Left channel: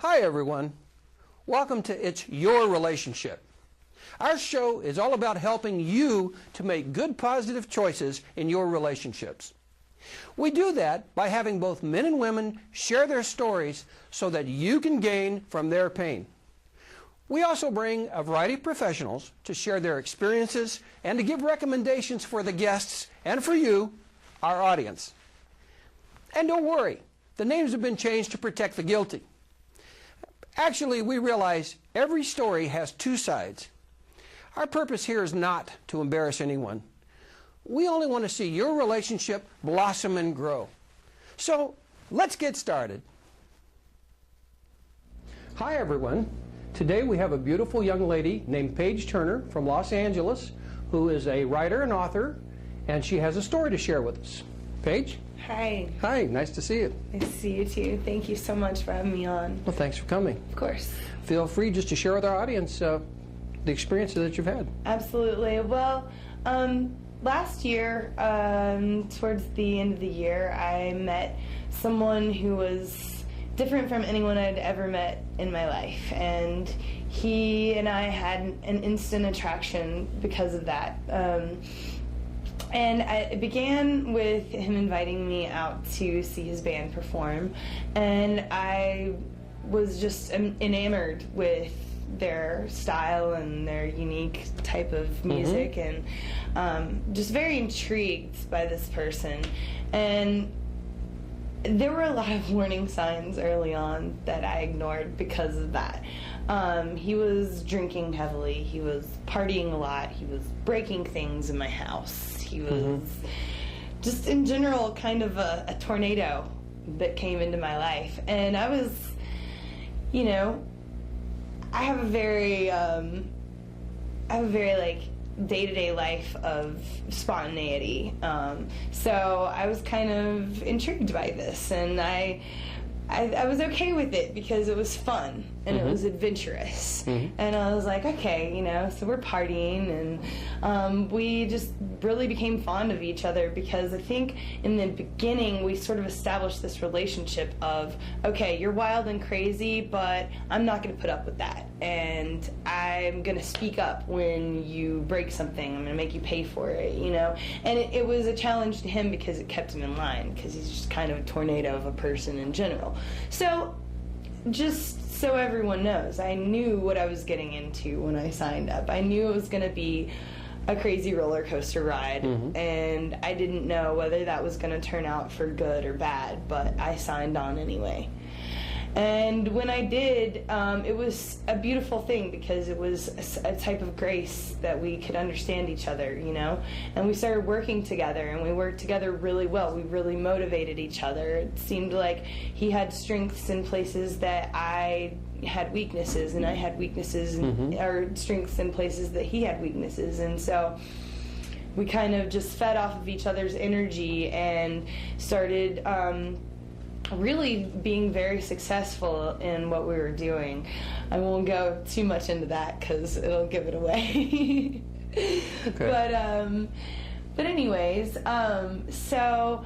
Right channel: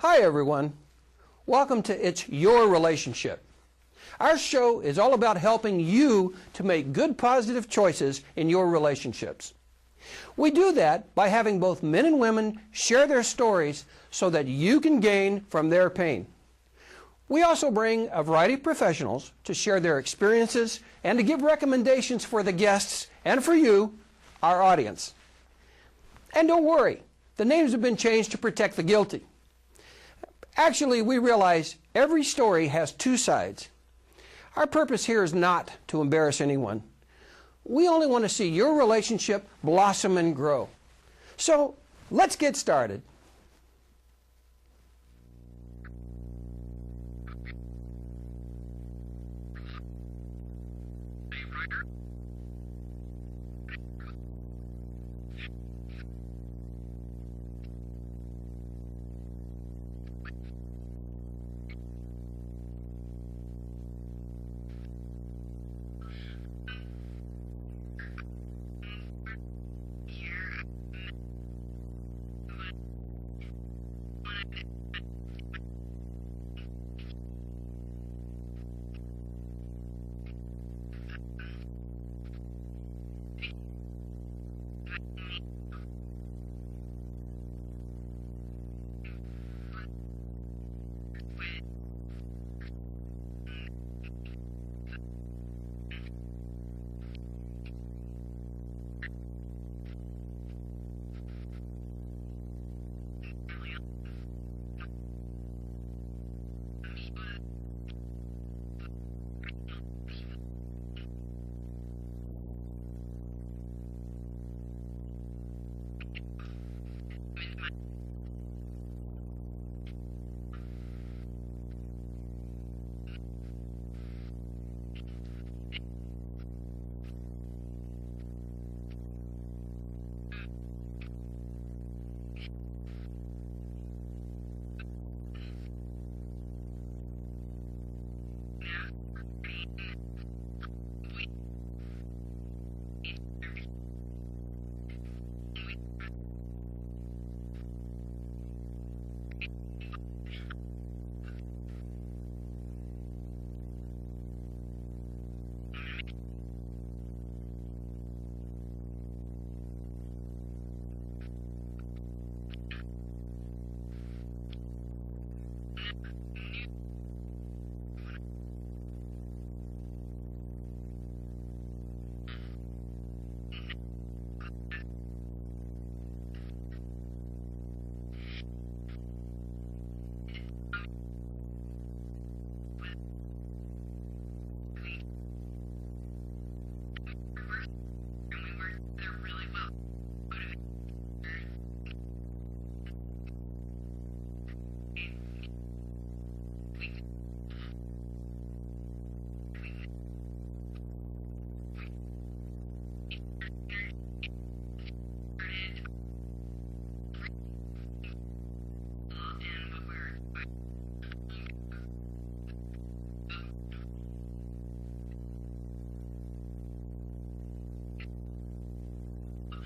Hi everyone. Welcome to It's Your Relationship. Our show is all about helping you to make good positive choices in your relationships. We do that by having both men and women share their stories so that you can gain from their pain. We also bring a variety of professionals to share their experiences and to give recommendations for the guests and for you, our audience. And don't worry, the names have been changed to protect the guilty. Actually, we realize every story has two sides. Our purpose here is not to embarrass anyone. We only want to see your relationship blossom and grow. So, let's get started. Hi everyone. Today we have a beautiful young lady named Paige Turner from Los Angeles who is a writer and author, and she has a story to share with us. Paige? Hi. Hi, nice to see you. Nice to see you too. Thank you so much for having me on. Well, thanks for coming. Of course. Feel free just to share with our audience the experiences that you've had. Absolutely. Well, last year, towards the end of the year, I met someone who was different from anyone I'd ever met in my life, and he and I had an instant attraction because of that. And it began with him inviting me out to see his band perform, and I was just enamored with their style and their unique type of music, and just very intrigued by this person. And there were a lot of warning signs early on that I ignored because of that. He was drinking heavily, he was partying a lot, he was breaking things in my house. He was just in general kind of a tornado that came into my life. And I was, you know, I have a very like day-to-day life of spontaneity. So I was kind of intrigued by this, and I was okay with it because it was fun and it was adventurous. And I was like, okay, you know, so we're partying, and we just really became fond of each other because I think in the beginning we sort of established this relationship of, okay, you're wild and crazy, but I'm not going to put up with that. And I'm going to speak up when you break something. I'm going to make you pay for it, you know. And it was a challenge to him because it kept him in line, because he's just kind of a tornado of a person in general. So, just so everyone knows, I knew what I was getting into when I signed up. I knew it was going to be a crazy roller coaster ride, and I didn't know whether that was going to turn out for good or bad, but I signed on anyway. And when I did, it was a beautiful thing because it was a type of grace that we could understand each other, you know? And we started working together, and we worked together really well. We really motivated each other. It seemed like he had strengths in places that I had weaknesses, and I had weaknesses or strengths in places that he had weaknesses. And so we kind of just fed off of each other's energy and started really being very successful in what we were doing. I won't go too much into that because it'll give it away. Okay. But anyways, so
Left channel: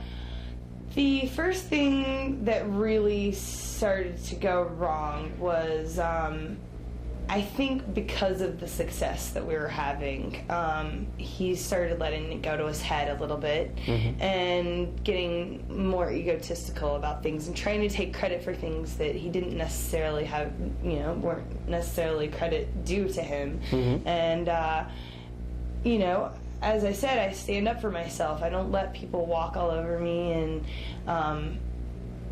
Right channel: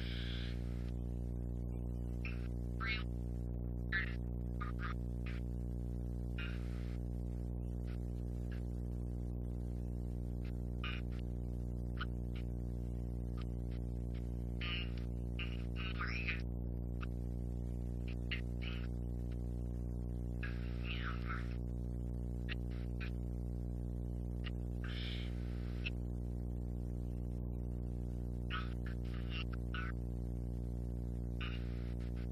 the first thing that really started to go wrong was I think because of the success that we were having, he started letting it go to his head a little bit and getting more egotistical about things and trying to take credit for things that he didn't necessarily have, you know, weren't necessarily credit due to him. And, you know, as I said, I stand up for myself. I don't let people walk all over me, and,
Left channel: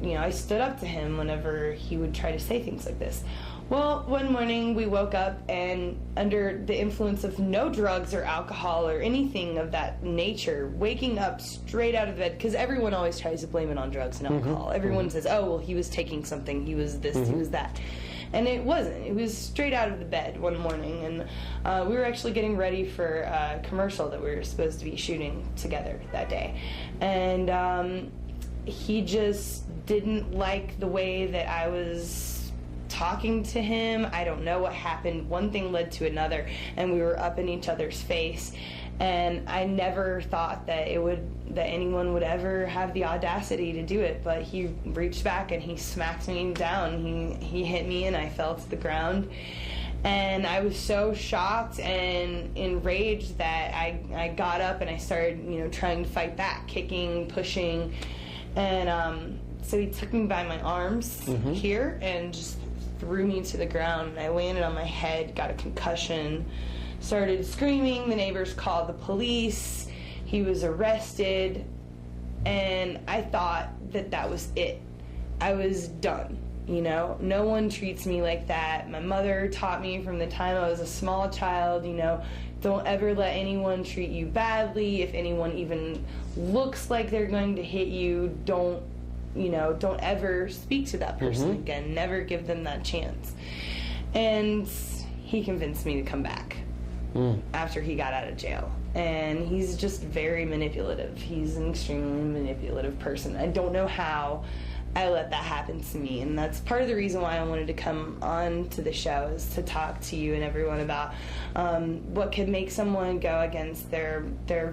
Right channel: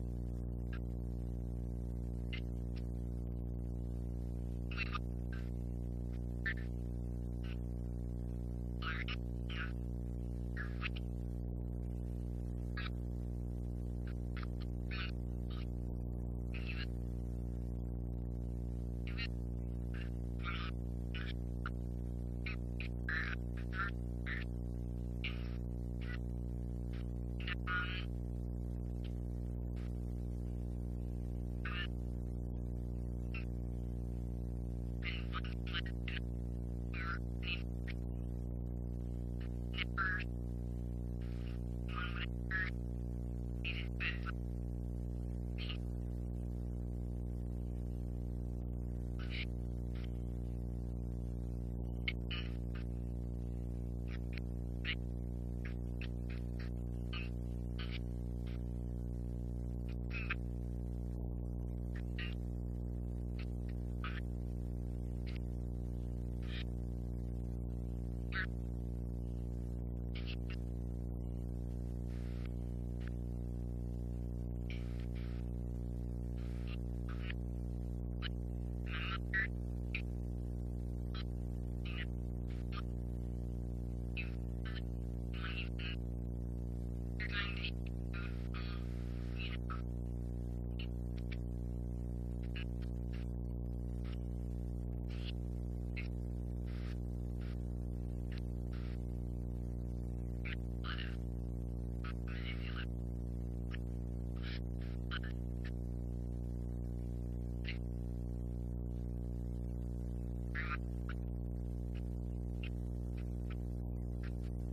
you know, I stood up to him whenever he would try to say things like this. Well, one morning we woke up, and under the influence of no drugs or alcohol or anything of that nature, waking up straight out of bed, because everyone always tries to blame it on drugs and alcohol. Everyone says, oh, well, he was taking something, he was this, he was that. And it wasn't. It was straight out of the bed one morning, and we were actually getting ready for a commercial that we were supposed to be shooting together that day. And he just didn't like the way that I was talking to him. I don't know what happened. One thing led to another, and we were up in each other's face. And I never thought that anyone would ever have the audacity to do it. But he reached back and he smacked me down. He hit me and I fell to the ground. And I was so shocked and enraged that I got up and I started, trying to fight back, kicking, pushing. And so he took me by my arms here and just threw me to the ground. I landed on my head, got a concussion, started screaming. The neighbors called the police. He was arrested. And I thought that was it. I was done. No one treats me like that. My mother taught me from the time I was a small child, don't ever let anyone treat you badly. If anyone even looks like they're going to hit you, don't ever speak to that person again. Never give them that chance. And he convinced me to come back after he got out of jail. And he's just very manipulative. He's an extremely manipulative person. I don't know how I let that happen to me, and that's part of the reason why I wanted to come on to the show, is to talk to you and everyone about what could make someone go against their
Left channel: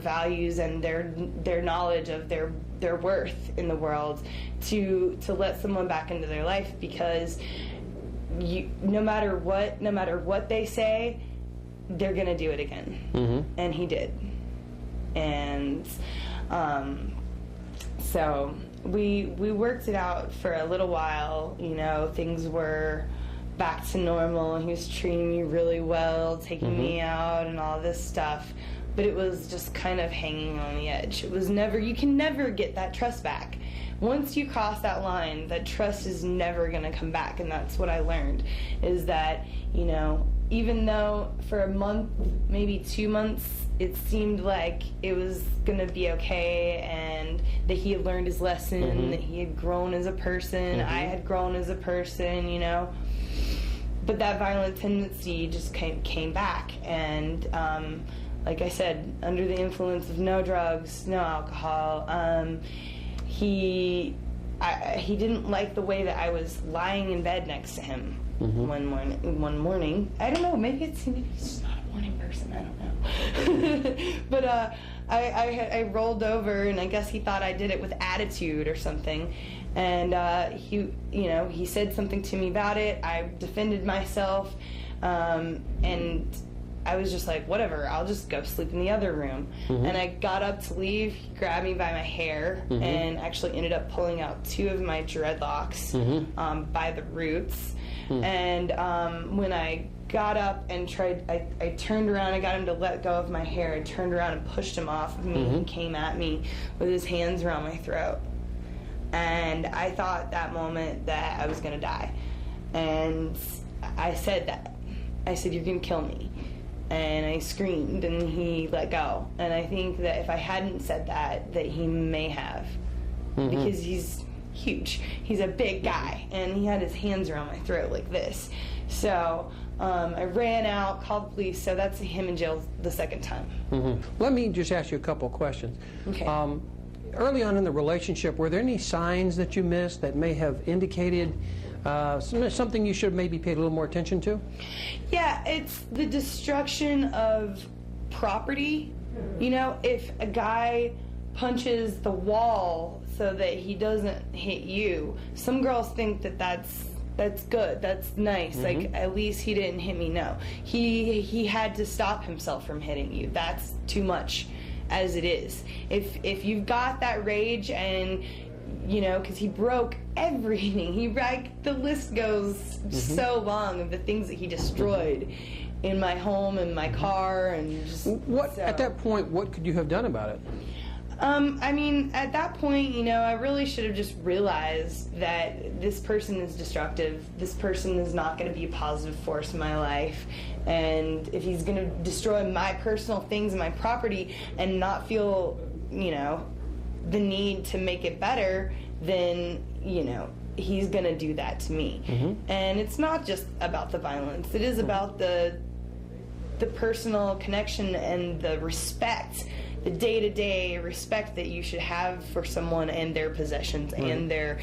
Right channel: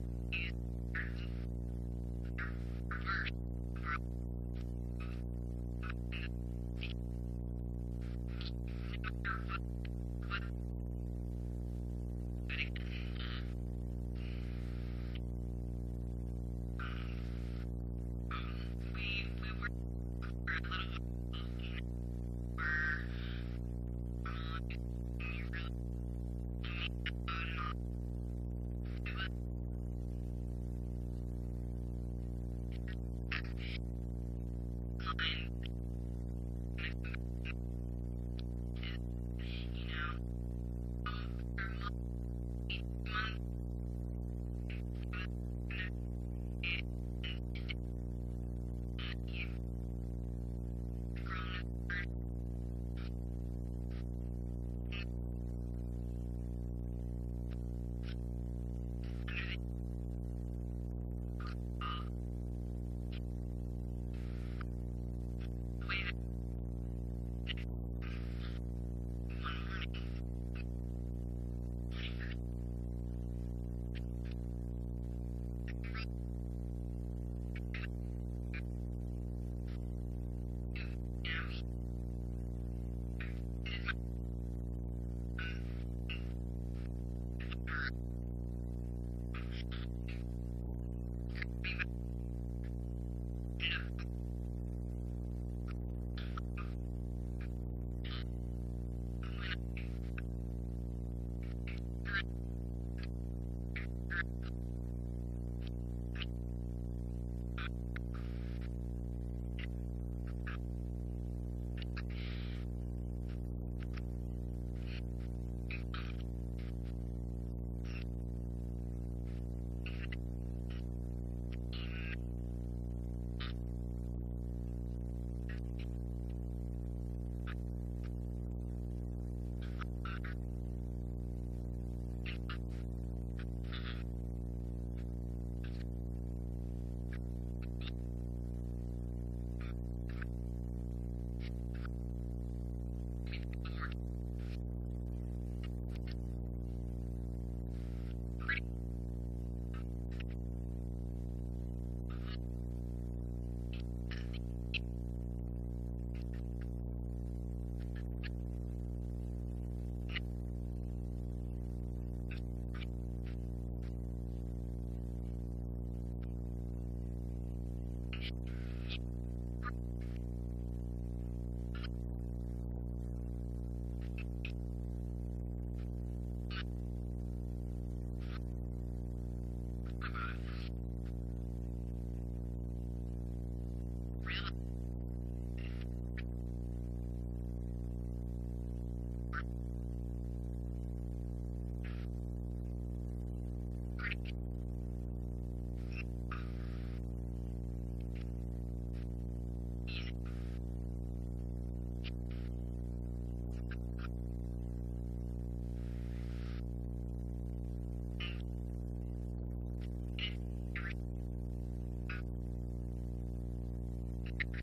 values and their knowledge of their worth in the world, to let someone back into their life, because no matter what they say, they're gonna do it again. And he did. And so we worked it out for a little while. Things were back to normal, and he was treating me really well, taking me out and all this stuff. But it was just kind of hanging on the edge. You can never get that trust back. Once you cross that line, that trust is never going to come back. And that's what I learned, is that, even though for a month, maybe 2 months, it seemed like it was going to be okay, and that he had learned his lesson, that he had grown as a person, I had grown as a person, But that violent tendency just came back, and like I said, under the influence of no drugs, no alcohol, he didn't like the way that I was lying in bed next to him one morning. I don't know, maybe he's just not a morning person, I don't know. But I rolled over, and I guess he thought I did it with attitude or something. And he said something to me about it. I defended myself, and I was just like, whatever, I'll just go sleep in the other room. And I got up to leave. He grabbed me by my hair and actually ended up pulling out 2 of my dreadlocks by the roots. And when I got up and I turned around, I got him to let go of my hair. I turned around and pushed him off of me. He came at me with his hands around my throat. And I thought that moment that I was going to die. And I said that. I said, "You're going to kill me." And I screamed, and he let go. And I think that if I hadn't said that he may have. Because he's huge. He's a big guy, and he had his hands around my throat like this. So I ran out, called the police, so that's him in jail the second time. Let me just ask you a couple of questions. Okay. Early on in the relationship, were there any signs that you missed that may have indicated something you should have maybe paid a little more attention to? Yeah, it's the destruction of property. If a guy punches the wall so that he doesn't hit you, some girls think that's good, that's nice, like at least he didn't hit me. No, he had to stop himself from hitting you. That's too much as it is. If you've got that rage, and because he broke everything, the list goes so long of the things that he destroyed in my home and my car, and just at that point, what could you have done about it? At that point, I really should have just realized that this person is destructive. This person is not going to be a positive force in my life. And if he's going to destroy my personal things and my property and not feel, the need to make it better, then, he's going to do that to me. And it's not just about the violence. It is about the personal connection and the respect the day-to-day respect that you should have for someone and their possessions and their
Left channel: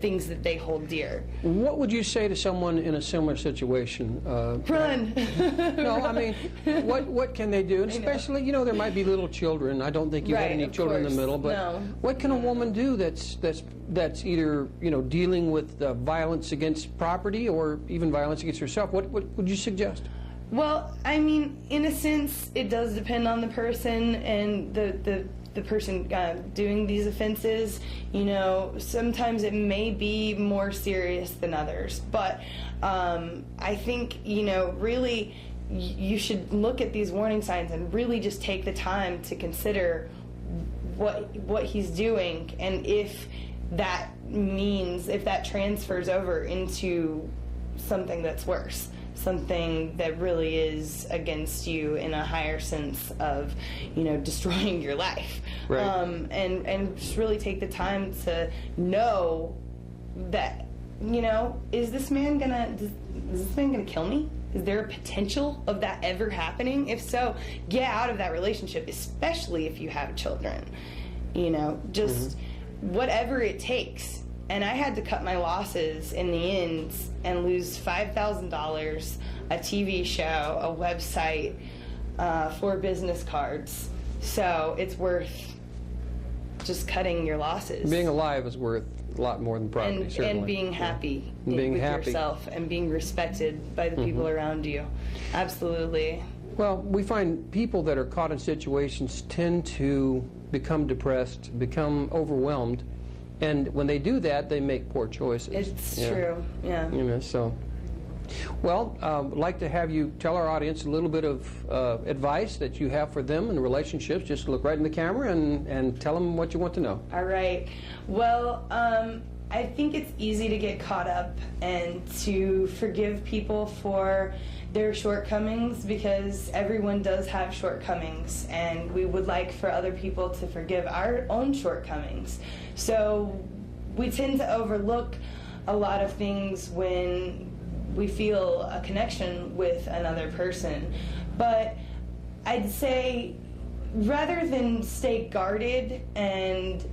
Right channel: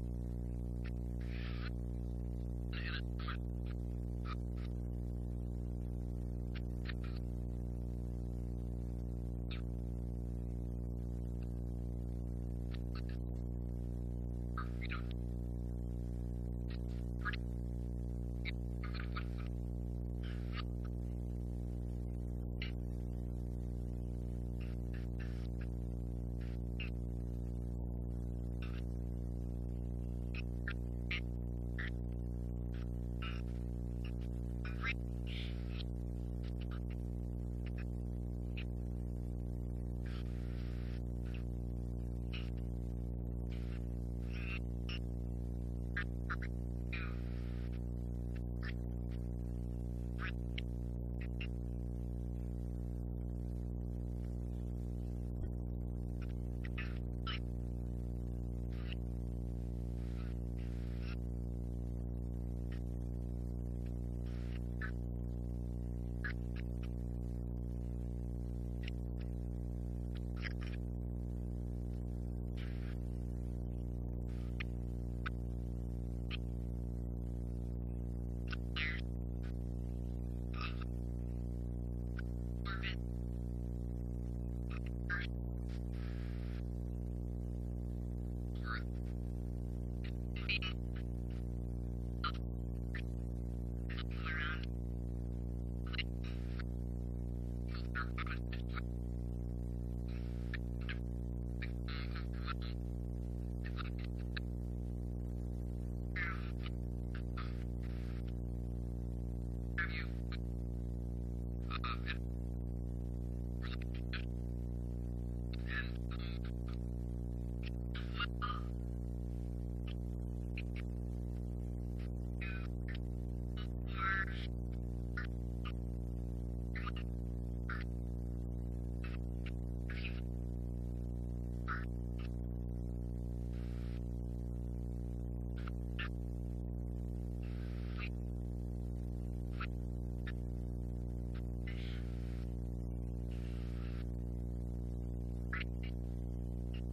things that they hold dear. What would you say to someone in a similar situation? Run. No, I mean, what can they do? And especially, you know, there might be little children. I don't think you had any children in the middle, but what can a woman do that's either, you know, dealing with violence against property or even violence against herself? What would you suggest? Well, I mean, in a sense, it does depend on the person and the person doing these offenses. You know, sometimes it may be more serious than others, but I think, you know, really you should look at these warning signs and really just take the time to consider what he's doing, and if that transfers over into something that's worse, something that really is against you in a higher sense of, you know, destroying your life. Right. And just really take the time to know that, you know, is this man gonna kill me? Is there a potential of that ever happening? If so, get out of that relationship, especially if you have children. You know, just whatever it takes. And I had to cut my losses in the end and lose $5,000, a TV show, a website, 4 business cards. So it's worth just cutting your losses. Being alive is worth a lot more than property, certainly. And being happy with yourself and being respected by the people around you. Absolutely. Well, we find people that are caught in situations tend to become depressed, become overwhelmed, and when they do that, they make poor choices. It's true, yeah. You know, so. Well, I'd like to have you tell our audience a little bit of advice that you have for them in relationships. Just look right in the camera and tell them what you want to know. All right. Well, I think it's easy to get caught up and to forgive people for their shortcomings, because everyone does have shortcomings, and we would like for other people to forgive our own shortcomings. So we tend to overlook a lot of things when we feel a connection with another person. But I'd say, rather than stay guarded and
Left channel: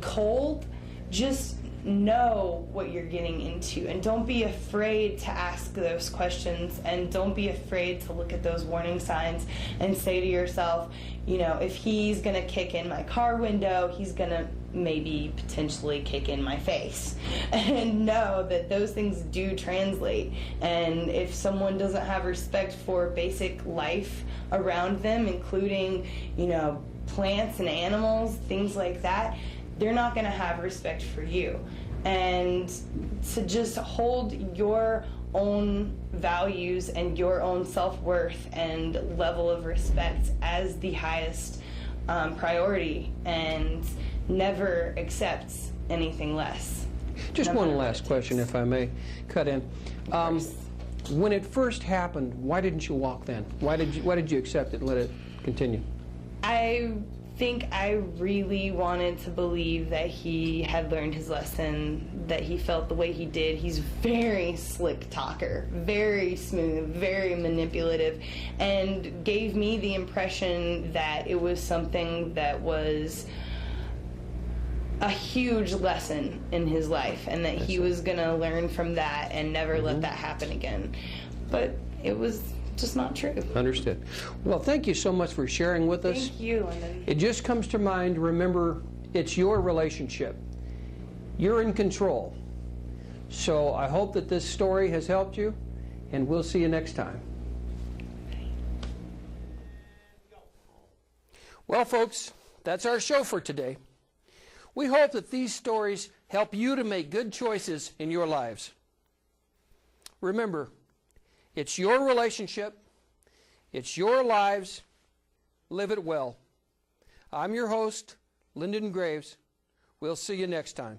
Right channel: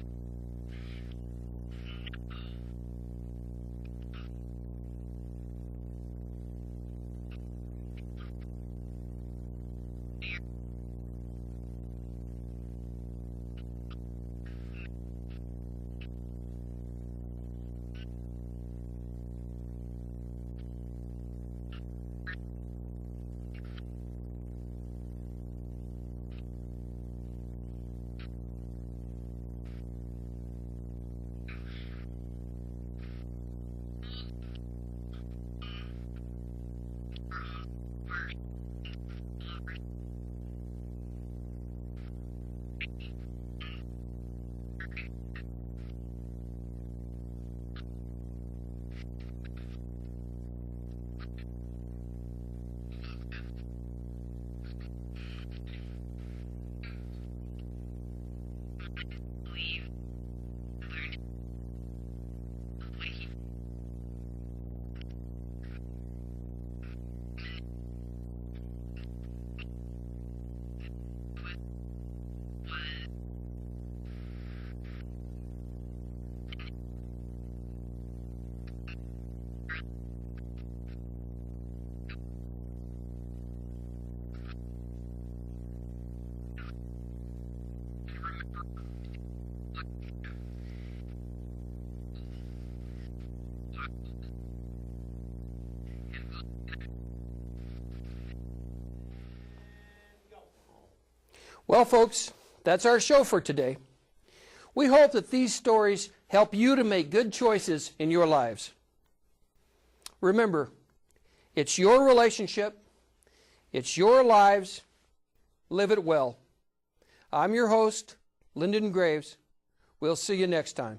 cold, just know what you're getting into, and don't be afraid to ask those questions, and don't be afraid to look at those warning signs and say to yourself, you know, if he's gonna kick in my car window, he's gonna maybe potentially kick in my face. And know that those things do translate, and if someone doesn't have respect for basic life around them, including, you know, plants and animals, things like that, they're not going to have respect for you. And to just hold your own values and your own self-worth and level of respect as the highest priority, and never accept anything less. Just one last question, if I may cut in. When it first happened, why didn't you walk then? Why did you accept it and let it continue? I think I really wanted to believe that he had learned his lesson, that he felt the way he did. He's very slick talker, very smooth, very manipulative, and gave me the impression that it was something that was a huge lesson in his life, and that he was going to learn from that and never let that happen again. But it was just not true. Understood. Well, thank you so much for sharing with us. Thank you, Lyndon. It just comes to mind, remember, it's your relationship. You're in control. So I hope that this story has helped you, and we'll see you next time. Well, folks, that's our show for today. We hope that these stories help you to make good choices in your lives. Remember, it's your relationship. It's your lives. Live it well. I'm your host, Lyndon Graves. We'll see you next time.